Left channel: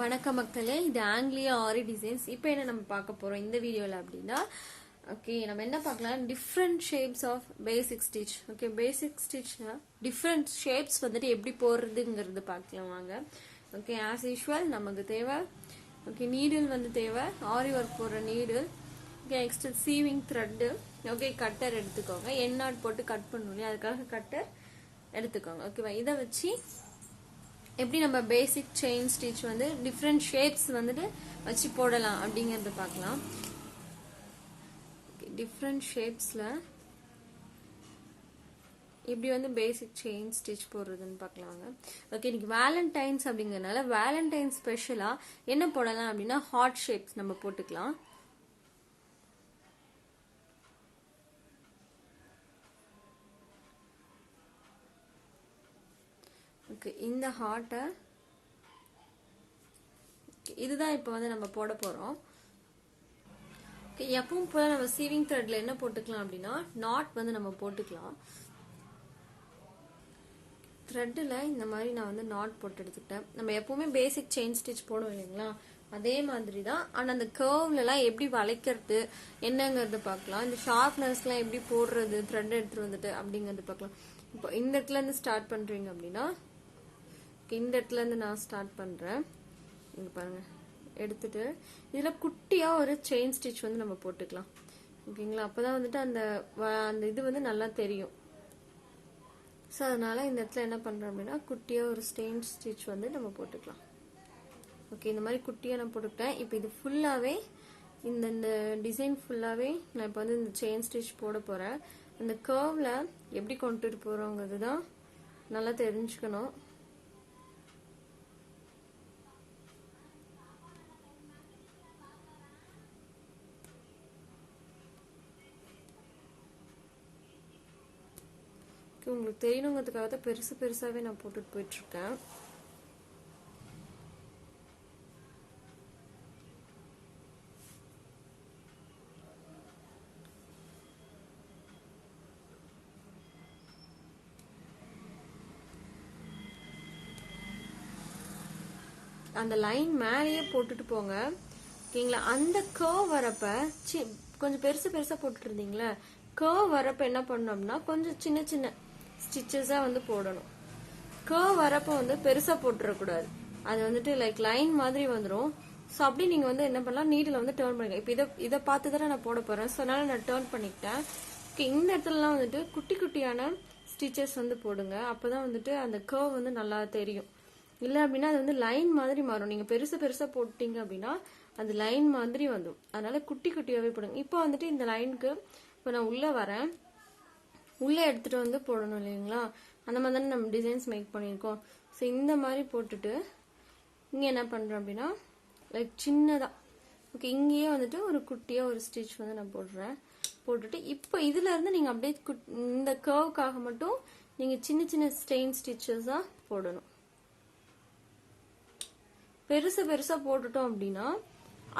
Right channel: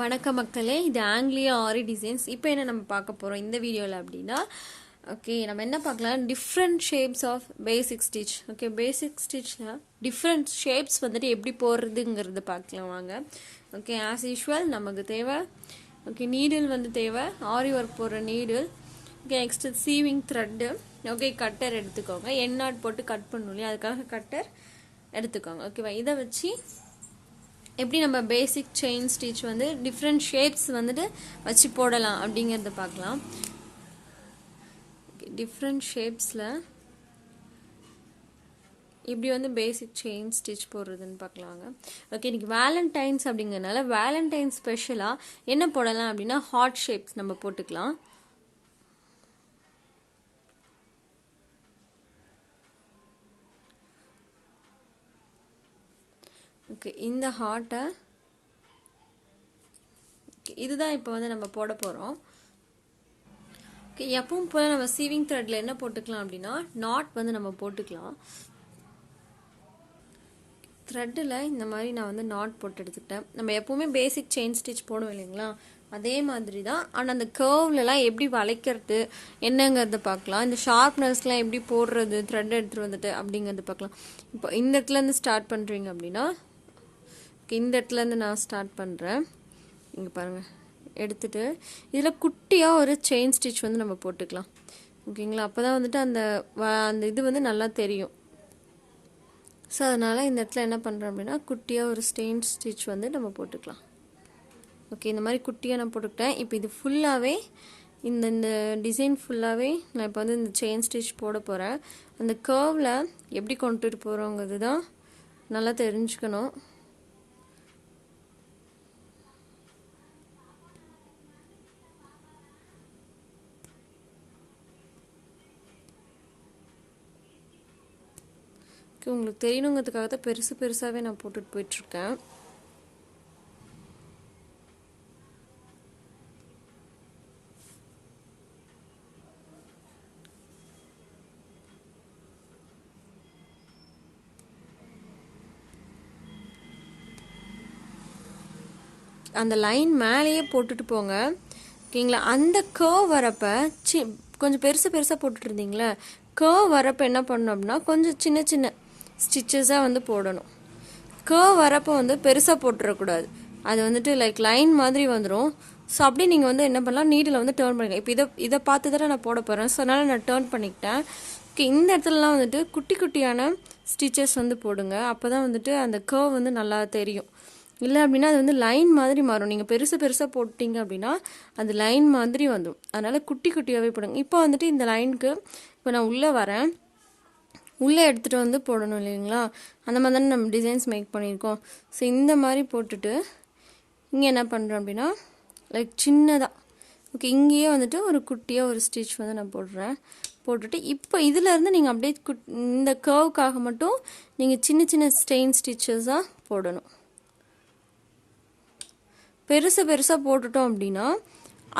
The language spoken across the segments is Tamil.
வணக்க மக்களே, இது ஆங்கிலியா ஆரி டிசைன்ஸ். இப்போ என்ன நம்ம பார்க்க போகிறோம் இந்த வீடியோவில் அப்படின்னா, ஓகே நம்ம என்ன பார்க்கலாம், different shapes of basic stitch. Okay, basic ஸ்டிச்சில் டிஃப்ரெண்ட் ஷேப்ஸ் வந்துட்டு எப்படி போடுறதுங்கிறது பார்க்கலாம் வாங்க. ஓகே, ஆஸ் யூஷுவல் நமக்கு தேவை நீடில் வந்து தேவை, ஆரி ஒர்க் போடுற needle. Okay, next சீவிங் thread. Okay, cutter எடுத்துக்கோங்க, எண்ணாட் போட்டு கட் பண்ணணும் இல்லையா, அதுக்காக கட்டர் எடுத்துக்கோங்க. ஓகேவா, இதை வச்சு எப்படி நம்ம பேசிக் செயின் ஸ்டிச் வந்து டிஃப்ரெண்ட் ஷேப்ஸ் வந்துட்டு வச்சு போடலாம் அப்படிங்கிறத பார்க்கலாம். டிஃப்ரெண்ட் ஷேப்ஸில் இப்படி வந்து பேசிக் செயின் ஸ்டிச் போடுறதுன்னு பார்க்கலாங்க. ஓகே, இன்னைக்கு வேலண்டைன்ஸ் அப்படிங்கிறதுனால வேலண்டைன் ஸ்பெஷலாக என்ன போடலாம் அப்படின்னா ஹார்ட் ஷேப்ஸ் நம்ம போட்டுக்கலாம். ஓகே, இந்த ஹார்ட்டை இதுதான் இப்போ வந்து நம்ம போட போகிறோம். ஓகே, எப்பவும் போல் நம்ம சீவிங் த்ரெட்டில் என்ன போட்டுக்கலாம் அப்படின்னா நாட் வந்து நம்ம போட்டுக்கலாம். த்ரெட்டில் இந்த மாதிரி நான் வந்து நாட் போட்டு எடுத்துக்கிட்டேன். நம்ம எப்போவுமே பேசிக் செயின் ஸ்டிச் போடுவோம் இல்லைங்களா, அதே மாதிரி தான். ஆனால் அந்த கர்வ்லலாம் எப்படி வளைக்கிறது என்னங்கிறத பார்க்கலாம். இந்த ஷார்ப்னஸ்லாம் எப்படி போடுறது த்ரெட் எடுத்துகிட்டு வந்துட்டு அப்படிங்கிறத பார்க்கலாம். இப்போ இந்த இடத்துலேருந்து ஸ்டார்ட் பண்ணுறீங்க அப்படின்னா, இந்த இடத்துலேருந்து நான் ஸ்டார்ட் பண்ணுறேன். இங்கே பாருங்கள், எடுத்துகிட்டு இதில் குட்டியாக ஒரு செயின் ஸ்டிச் வந்து நம்ம போட்டுக்கலாம். ஓகேங்களா, அப்போ தான் வந்துட்டு அந்த இது வந்து நல்லா தெரியும். ஸோ அதனால் இந்த இடத்துல என்ன பண்ணுறோம் அப்படின்னா குட்டியாக ஒரு செயின் ஸ்டிச் வந்து நம்ம போட்டுக்கலாம். ஓகே, இந்த மாதிரி குட்டியாக நான் போட்டுக்கிட்டேன். இப்போ இது ஃபுல்லாகவே இந்த டிசைன் ஃபுல்லாகவே நான் இப்போ வந்து இந்த செயின் ஸ்டிச் போட போகிறேன். அந்த கர்வில் எப்படி கொண்டுட்டு போகிறோங்கிறது தான் நல்லா தெரிஞ்சுக்கணும். உங்களுக்கு தெரியணுங்கிறதுக்காக தான் பெருசாகவே நான் போட்டுட்டு போயிட்டுருக்கேன். அந்த லைன் மேலேயே போட்டுட்டு போங்க. ஓகேங்களா, அந்த கர்வ் வரப்போ கொஞ்சம் பெருசாக போட்டுட்டு இருந்தீங்களே, கர்வ் வரப்போ என்ன பண்ணணும் அப்படின்னா கொஞ்சம் சின்ன ஸ்டிச்சஸாக வந்து போடணும். கர்வ் வரப்போ வந்து பெருசாக போட்டுறக்கூடாது, அது வந்துட்டு லைக் லைன் மாதிரி வந்துடும். ஸோ அப்படியே நீங்கள் வந்து என்ன பண்ணலாம், நீடில் வந்து டேர்ன் பண்ணிக்கலாம். இப்போ இதை பார்த்து தானே நான் போட போகிறேன், ஸோ அதனால் நான் டேர்ன் பண்ணிக்கிட்டேன். ஓகே, இந்த இடத்துலலாம் வந்துட்டு குட்டியான ஸ்டிச்சஸ் வந்து போடுங்க, அப்போ தான் வந்துட்டு அந்த கர்வ் வந்து நல்லா தெரியும். இல்லை அப்படின்னா அது வந்து லைன் மாதிரி மாறும். நீங்கள் பெருசாக போட்டிங்க அப்படின்னா அது லைன் மாதிரி வந்துடும். அதனால் குட்டியாகவே போடுங்க. இப்போ வந்துட்டு இந்த லைனுக்கு இப்போ நான் உள்ளே வரேன், உள்ளே எடுத்துகிட்டு வந்து போடணும் இல்லைங்களா, அந்த மாதிரி தானே நம்ம டிசைன்ஸ் மேக் பண்ணியிருக்கோம். ஸோ இந்த மாதிரி போட்டுட்டு இங்கே என்ன பண்ணுறோம் அப்படின்னா லைக் சின்னதாக, ஓகே, இங்கேயே வந்துட்டு ஒரு குட்டியாக ஒரு ஸ்டிச் வந்து நான் போட்டுட்டு இப்போ இதிலேருந்து நீங்கள் அப்படியே இந்த கர்வுக்காக மட்டும் நீங்கள் சின்ன ஸ்டெயின் ஸ்டிச்சஸாக போடணும். பெருசாக போட்டுட்டோம் அப்படின்னா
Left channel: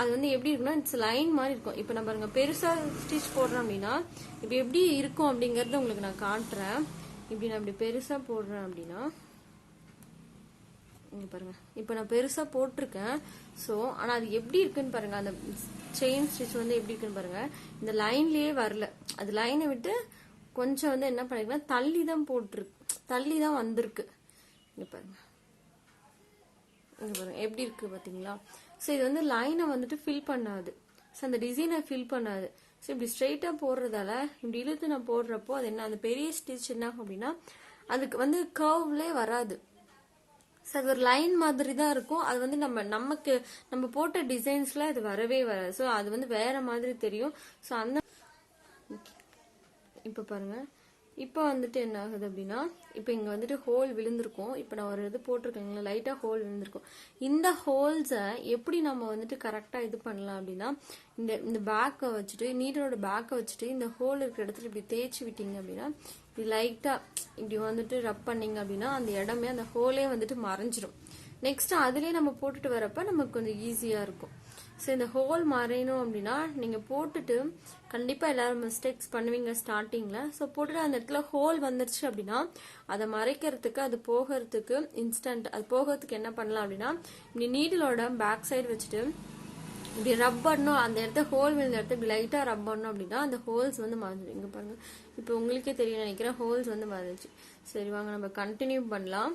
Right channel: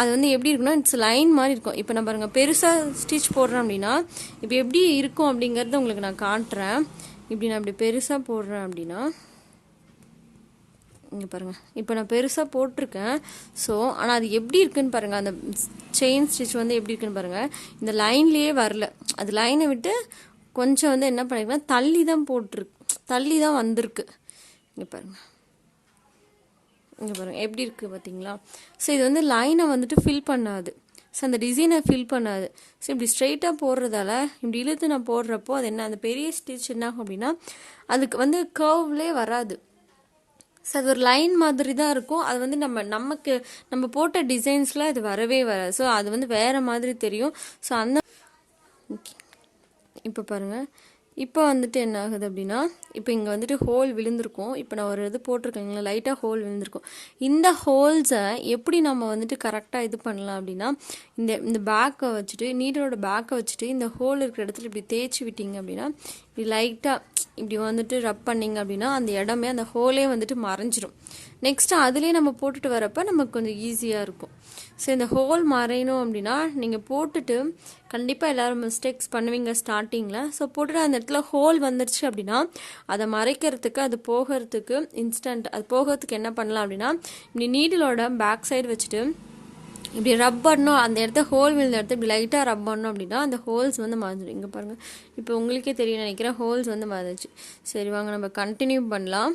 அது வந்து எப்படி இருக்குன்னா இட்ஸ் லைன் மாதிரி இருக்கும். இப்போ நான் பாருங்கள் பெருசாக ஸ்டிச் போடுறேன் அப்படின்னா இப்போ எப்படி இருக்கும் அப்படிங்கிறத உங்களுக்கு நான் காட்டுறேன். இப்படி நான் இப்படி பெருசாக போடுறேன் அப்படின்னா இங்கே பாருங்கள், இப்போ நான் பெருசாக போட்டிருக்கேன். ஸோ ஆனால் அது எப்படி இருக்குன்னு பாருங்கள், அந்த செயின் ஸ்டிச் வந்து எப்படி இருக்குன்னு பாருங்கள். இந்த லைன்லேயே வரல, அது லைனை விட்டு கொஞ்சம் வந்து என்ன பண்ணிருக்கேன்னா தள்ளி தான் வந்திருக்கு. இங்கே பாருங்கள், இங்கே பாருங்கள் எப்படி இருக்குது பார்த்தீங்களா. ஸோ இது வந்து லைனை வந்துட்டு ஃபில் பண்ணாது, ஸோ அந்த டிசைனை ஃபில் பண்ணாது. ஸோ இப்படி ஸ்ட்ரெயிட்டாக போடுறதால இப்படி இழுத்து நான் போடுறப்போ அது என்ன, அந்த பெரிய ஸ்டிச் என்ன ஆகும் அப்படின்னா அதுக்கு வந்து கர்வ்லே வராது. ஸோ அது ஒரு லைன் மாதிரி தான் இருக்கும். அது வந்து நம்ம போட்ட டிசைன்ஸில் அது வரவே வராது. ஸோ அது வந்து வேறு மாதிரி தெரியும். ஸோ அந்த இப்போ பாருங்கள், இப்போ வந்துட்டு என்ன ஆகுது அப்படின்னா இப்போ இங்கே வந்துட்டு ஹோல் விழுந்திருக்கும். இப்போ நான் ஒரு இது போட்டிருக்கேங்களா, லைட்டாக ஹோல் விழுந்திருக்கும். இந்த ஹோல்ஸை எப்படி நம்ம வந்துட்டு கரெக்டாக இது பண்ணலாம் அப்படின்னா இந்த பேக்கை வச்சுட்டு, நீடலோட பேக்கை வச்சுட்டு இந்த ஹோல் இருக்கிற இடத்துல இப்படி தேய்ச்சி விட்டீங்க அப்படின்னா இப்படி லைட்டாக இப்படி வந்துட்டு ரப் பண்ணிங்க அப்படின்னா அந்த இடமே அந்த ஹோலே வந்துட்டு மறைஞ்சிரும். நெக்ஸ்ட் அதுலேயே நம்ம போட்டுட்டு வரப்போ நமக்கு கொஞ்சம் ஈஸியாக இருக்கும். ஸோ இந்த ஹோல் மறையணும் அப்படின்னா நீங்கள் போட்டுட்டு கண்டிப்பாக எல்லோரும் மிஸ்டேக்ஸ் பண்ணுவீங்க ஸ்டார்டிங்கில். ஸோ போட்டுட்டு அந்த இடத்துல ஹோல் வந்துருச்சு அப்படின்னா அதை மறைக்கிறதுக்கு, அது போகிறதுக்கு அது போகிறதுக்கு என்ன பண்ணலாம் அப்படின்னா, இப்படி நீடிலோட பேக் சைடு வச்சுட்டு இப்படி ரப் பண்ணணும். அந்த இடத்த ஹோல் விழுந்த இடத்த இப்படி லைட்டாக ரப் பண்ணணும் அப்படின்னா அந்த ஹோல்ஸ் வந்து மறைஞ்சிடும். இங்கே பாருங்கள், இப்போ உங்களுக்கே தெரியும் நினைக்கிறேன், ஹோல்ஸ் வந்து மறைஞ்சிச்சு. சரி வாங்க நம்ம கண்டினியூ பண்ணலாம்.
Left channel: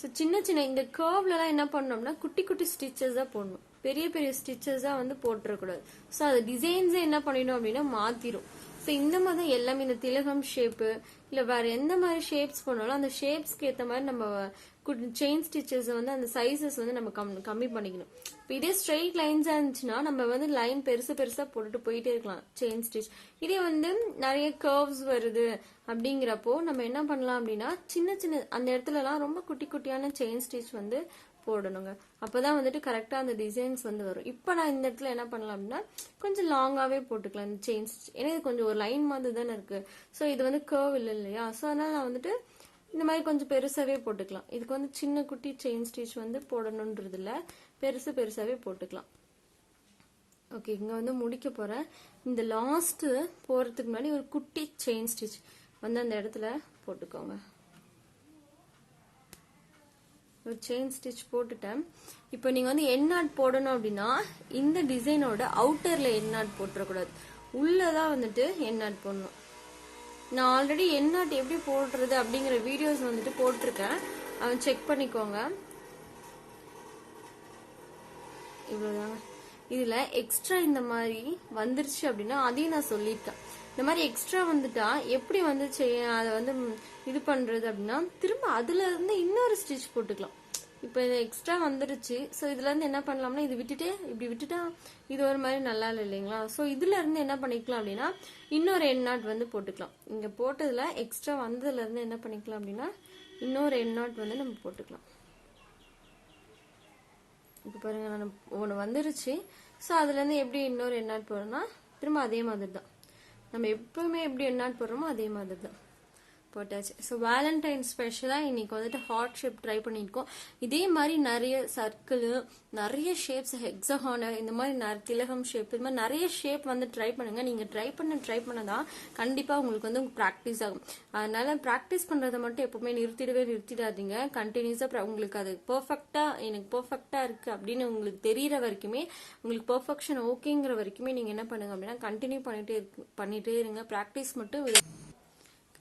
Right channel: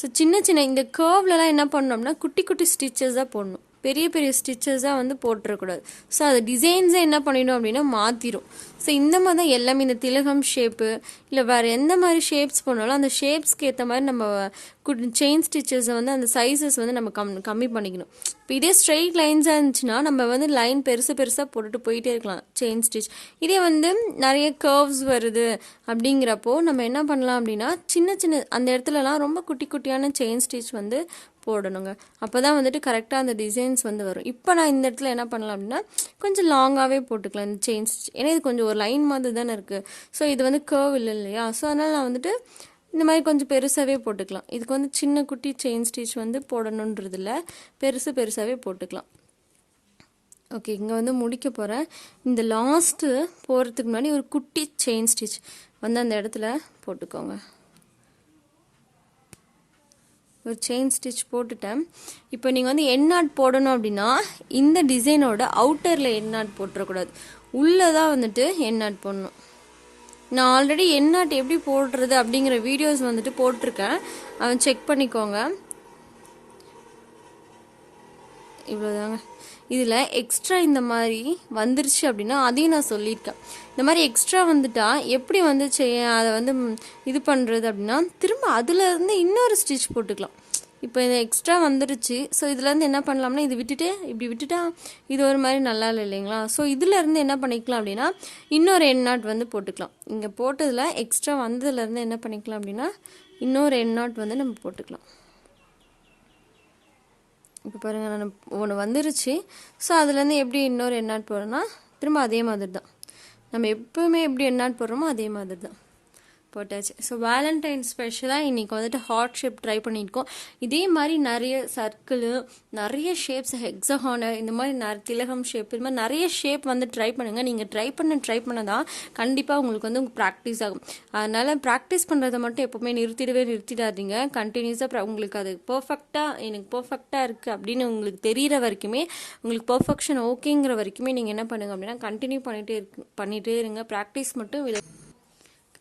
ஸோ சின்ன சின்ன இந்த கர்வ்லலாம் என்ன பண்ணோம்னா குட்டி குட்டி ஸ்டிச்சஸாக போடணும், பெரிய பெரிய ஸ்டிச்சஸாக வந்து போட்டுறக்கூடாது. ஸோ அது டிசைன்ஸே என்ன பண்ணிடும் அப்படின்னா மாற்றிடும். ஸோ இந்த மாதிரி தான் எல்லாமே இந்த திலகம் ஷேப்பு இல்லை வேறு எந்த மாதிரி ஷேப்ஸ் பண்ணாலும் அந்த ஷேப்ஸ்க்கு ஏற்ற மாதிரி நம்ம செயின் ஸ்டிச்சஸை வந்து அந்த சைஸஸ் வந்து நம்ம கம்மி பண்ணிக்கணும். இப்போ இதே ஸ்ட்ரெயிட் லைன்ஸாக இருந்துச்சுன்னா நம்ம வந்து லைன் பெருசாக போட்டுட்டு போயிட்டே இருக்கலாம் செயின் ஸ்டிச். இதே வந்து நிறைய கர்வ்ஸ் வருது அப்படிங்கிறப்போ நம்ம என்ன பண்ணலாம் அப்படின்னா சின்ன சின்ன அந்த இடத்துலலாம் ரொம்ப குட்டி குட்டியான செயின் ஸ்டிச் வந்து போடணுங்க. அப்போ தான் வந்துட்டு கரெக்டாக அந்த டிசைன்ஸ் வந்து வரும். இப்போ நான் இந்த இடத்துல என்ன பண்ணலாம் அப்படின்னா கொஞ்சம் லாங்காகவே போட்டுக்கலாம் இந்த செயின் ஸ்டிச். ஏன்னா இது கொஞ்சம் ஒரு லைன் மாதிரி தானே இருக்குது. ஸோ இது வந்து கர்வ் இல்லை இல்லையா. ஸோ அதனால் நான் வந்துட்டு இந்த மாதிரி கொஞ்சம் பெருசாகவே போட்டுக்கலாம். இதுக்கு வந்து சின்ன குட்டி செயின் ஸ்டிச் வந்து போடணுன்றதில்ல, பெருசாகவே போட்டுக்கலாம். ஓகே, இங்கே வந்து முடிக்க போகிறேன். இந்த லாஸ்ட்டு போகிறதுக்கு முன்னாடி ஒரு குட்டி செயின் ஸ்டிச் வந்து அந்த இடத்துல போட்டுக்கோங்க. ஒரு செயின் ஸ்டிச் போட்டுட்டேன். இப்போ நீங்கள் வந்து என் நாட் போடணும் அப்படின்னா இந்த டிசைனோட அவுட்டரில் என் நாட் போட்டுறக்கூடாது, உள்ளே தான் வந்துட்டு என் நாட் போடணும். நான் ஆல்ரெடி என் நாட் எப்படி போடுறது அப்படிங்கிற வீடியோஸ் வந்துட்டு போட்டிருக்கேன், அவன் செக் பண்ணிக்கோங்க. இவ்வளோதாங்க. இதில் எக்ஸ்ட்ரா இந்த மாதிரி வந்துருச்சு அப்படின்னா அதையும் நான் சொல்லியிருக்கேன். இந்த மாதிரி எக்ஸ்ட்ரா வந்துட்டா எப்படி வந்து அதை வந்து இது பண்ணுறது அப்படின்னா திரும்ப அதுலேருந்து இன்னொரு ஸ்டிச் போட்டுக்கலாம். இப்போ இந்த எக்ஸ்ட்ரா வந்துருச்சு. ஸோ இதுலேருந்து என்ன பண்ணலாம்னா இது விட்டுட்டு இப்படி விட்டுட்டா இது ஒரு மாதிரி நல்லா இல்லை இல்லைங்களா. ஸோ இதுலேருந்து என்ன பண்ணிக்கலாம் அப்படின்னா இன்னொரு என் நாட் வந்து போட்டுக்கலாம். இங்கே போட்டதில் எக்ஸ்ட்ரா வந்ததுலேருந்து என்ன பண்ணிக்கலாம் அப்படின்னா இன்னொரு என் நாட் வந்து நம்ம போட்டுக்கலாம். இப்போ பாருங்கள், நான் ஒன்று வந்துருச்சு. ஸோ அதுலேருந்து எப்படி இன்னொரு என் நாட் போடுறோன்னா திரும்ப அதே மாதிரி தான், நம்ம எப்போவுமே எப்படி என் நாட் போடுறோமோ அதே மாதிரி தான் போட்டாச்சு. ஸோ வேலண்டைன் ஸ்பெஷலாக இன்றைக்கி வந்துட்டு ஹார்ட் ஷேப் ட்ரை பண்ணியிருக்கோம். இதே மாதிரி நிறைய சர்க்கிளு, நிறைய ஷேப்ஸ், ஹெக்ஸஹானு, இந்த மாதிரி திலகம் ஷேப், இது மாதிரி நிறைய ஷேப் வந்து ட்ரை பண்ணுங்கள். நீங்கள் ட்ரை பண்ண தான் கண்டிப்பாக உங்களுக்கு வந்து ப்ராக்டிஸ் ஆகும். அதனால் ப்ராக்டிஸ் பண்ணுறதை மட்டும் எப்போவுமே நிறுத்திடாதீங்க. கண்டினியூஸாக உங்களுக்கு அது எனக்கு பர்ஃபெக்டாக இருக்குது அப்படின்னு உங்களுக்கு தெரிகிற வரைக்குமே, உங்களுக்கு பர்ஃபெக்ஷன் ஓகேங்கிற வரைக்குமே நீங்கள் என்ன பண்ணுங்கள் அப்படின்னா கண்டினியூ பண்ணிகிட்டே இருங்க. ப்ராக்டிஸ் மட்டும்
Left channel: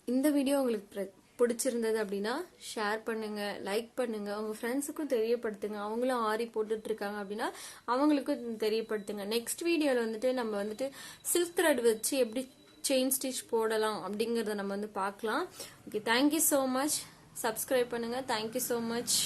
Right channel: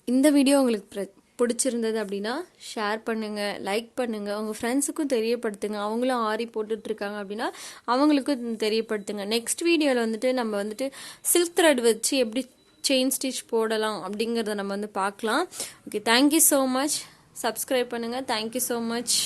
இந்த வீடியோ உங்களுக்கு பிடிச்சிருந்தது அப்படின்னா ஷேர் பண்ணுங்கள், லைக் பண்ணுங்கள், உங்கள் ஃப்ரெண்ட்ஸுக்கும் தெரியப்படுத்துங்க. அவங்களும் ஆரி போட்டுட்ருக்காங்க அப்படின்னா அவங்களுக்கும் தெரியப்படுத்துங்க. நெக்ஸ்ட் வீடியோவில் வந்துட்டு நம்ம வந்துட்டு சில்க் த்ரெட் வச்சு எப்படி செயின் ஸ்டிச் போடலாம் அப்படிங்கிறத நம்ம வந்து பார்க்கலாம். Okay, thank you so much. Subscribe பண்ணுங்கள். Thank you so much.